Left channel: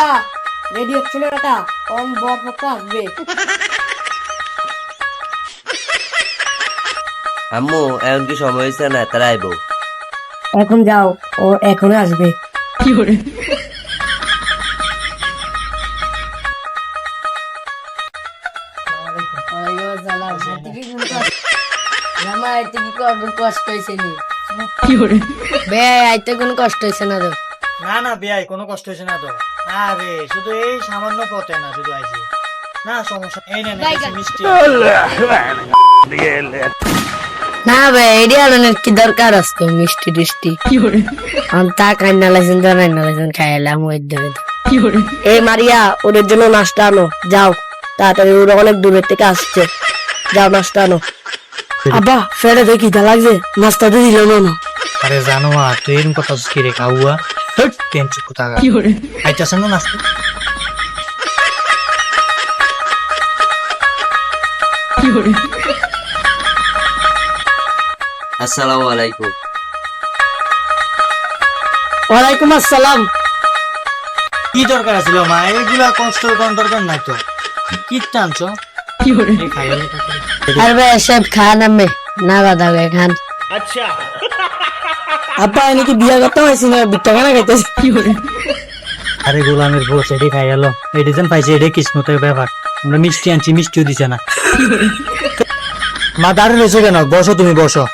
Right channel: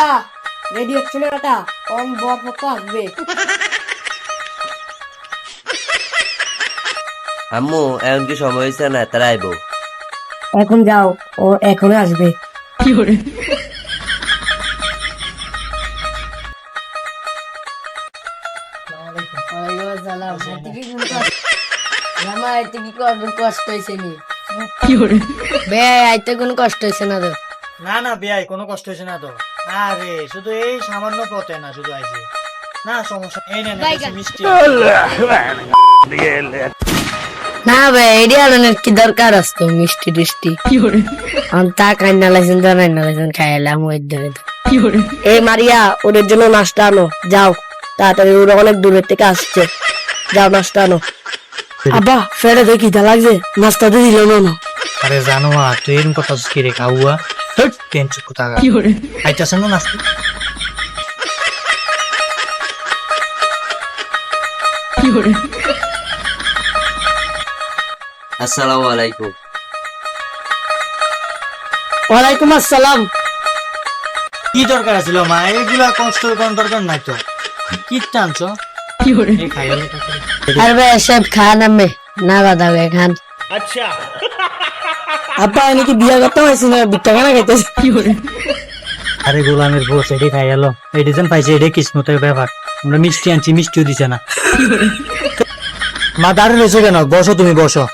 মারিয়া ready হচ্ছে না বেটা, কোন বরপক্ষ আসবে। আম্মু এখন কি সময় হয়েছে না, তারা আইবো। এখন যাও, ও এখনই আসবে। কষ্ট হয়েছে নি বে, আইতে কোনো কষ্ট হয়েছে না তো? না না বেয়াই কোনো কষ্ট হয়েছে না তো। আরে শুধু এই সামান্য পথে না, শুধু আইছি না, সমস্যা এই নেন মিষ্টি। না বে, এডি আনার কি দরকার আসতো মিষ্টি টিষ্টি? তা কান্না লাইছেন তো রান্না লাইছেন খাইলাম ওই দেবে। এই মারিয়া ওদের জন্য নাস্তা আনো, যাও তাড়াতাড়ি, ওরা অনেক দূরের থেকে আসছে, যাও নাস্তা আনো। আব্বা ফেরে দেখি দা লাগছে, নাস্তা তো দিল না। আরে জানো তুই এরকম কথা কি রে খাওয়া টেনচুক কোথা আইতাছ না নাস্তা। আসসালামু আলাইকুম। ওয়ালাইকুম আসসালাম। কি দরকার ছিল মা, এগুলা কষ্ট কোন দরকার নাই তো। কি টানছো আরে ভাই সব খান আমি না বাধা খান। আচ্ছা আপা এনে কি বিয়া করতে হয়েছে না, বিটা কেনা খাইতেছে? আরে গোলামের বউ সেটি খাই গেল, এই ডিজাইন পাইছে, এটাই কিসমতের ব্যাপার। আমরা মিষ্টি আনছি, মিষ্টিও দিছে না। মা দাঁড়িয়ে রয়েছে কেন, বসো তুমি বসো।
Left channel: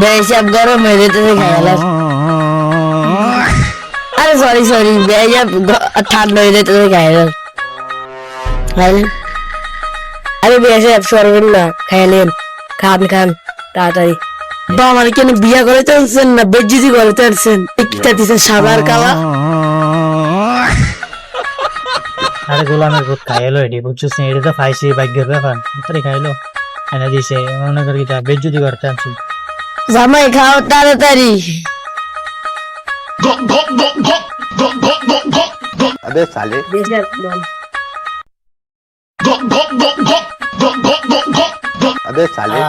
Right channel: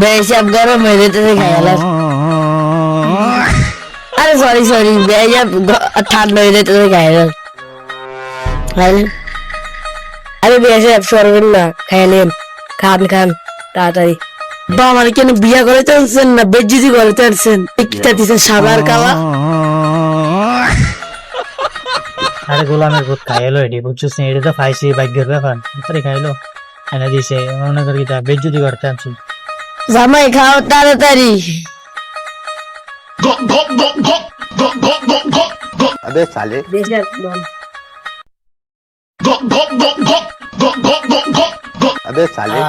বেশাব গরম হয়ে যেতেছে খাই গেল। আরে সরি সরি, বেশাব ঠান্ডা হয়ে যেতেছে খাই গেল। খাইলেন? আরে বেশাব সরবেন না, খাইলেন, খান খান তাড়াতাড়ি। বা আমার কেন বিয়া করে চলছেন না বেজ্জিতি করে চলছেন? একটা দিচ্ছেন সাবার কালা। আরে গোলামের ভূত খাইলো, এটি বুঝছিস না, এটা তো পাইছি ভাগ্যের ব্যাপার। তাড়াতাড়ি খাইলো, এনে দিছে, মনে করি কি বেজ্জুতি করতে আনছি। জামাই খাও তাড়াতাড়ি। আবে সালে আবে সালে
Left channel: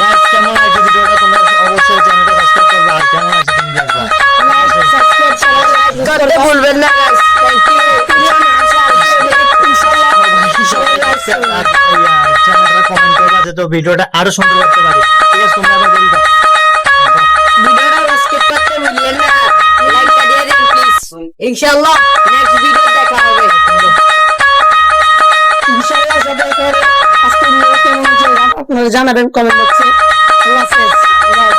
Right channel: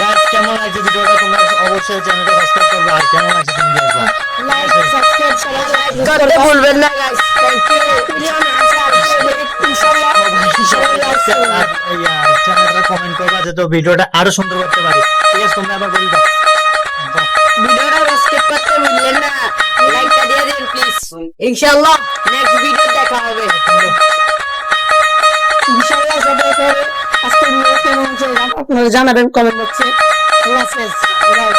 গাইস কেমন লাগছে ভিডিওটা, তোমরা অবশ্যই চ্যানেলটা সাবস্ক্রাইব করবে। আর কেমন লাগছে তুমি দেখবা, করতে ভুলবেন না গাইস। Thank you. চ্যানেলটা কমেন্ট করবা যাতে ভিডিওটা আরো সুন্দর করতে পারি। ঠিক আছে, তোমরা আবার বলি দাও। ভিডিওটা সাবস্ক্রাইব করতে ভুলবেন না, লাইকটা দিয়ে দিন প্লিজ। ইনশাআল্লাহ নেক্সট ভিডিও দেখা হবে। ইনশাআল্লাহ সবাই করে আজকে ভিডিও কেমন হয়েছে আপনারা জানাবেন কমেন্ট বক্সে। আল্লাহ হাফেজ। বাই।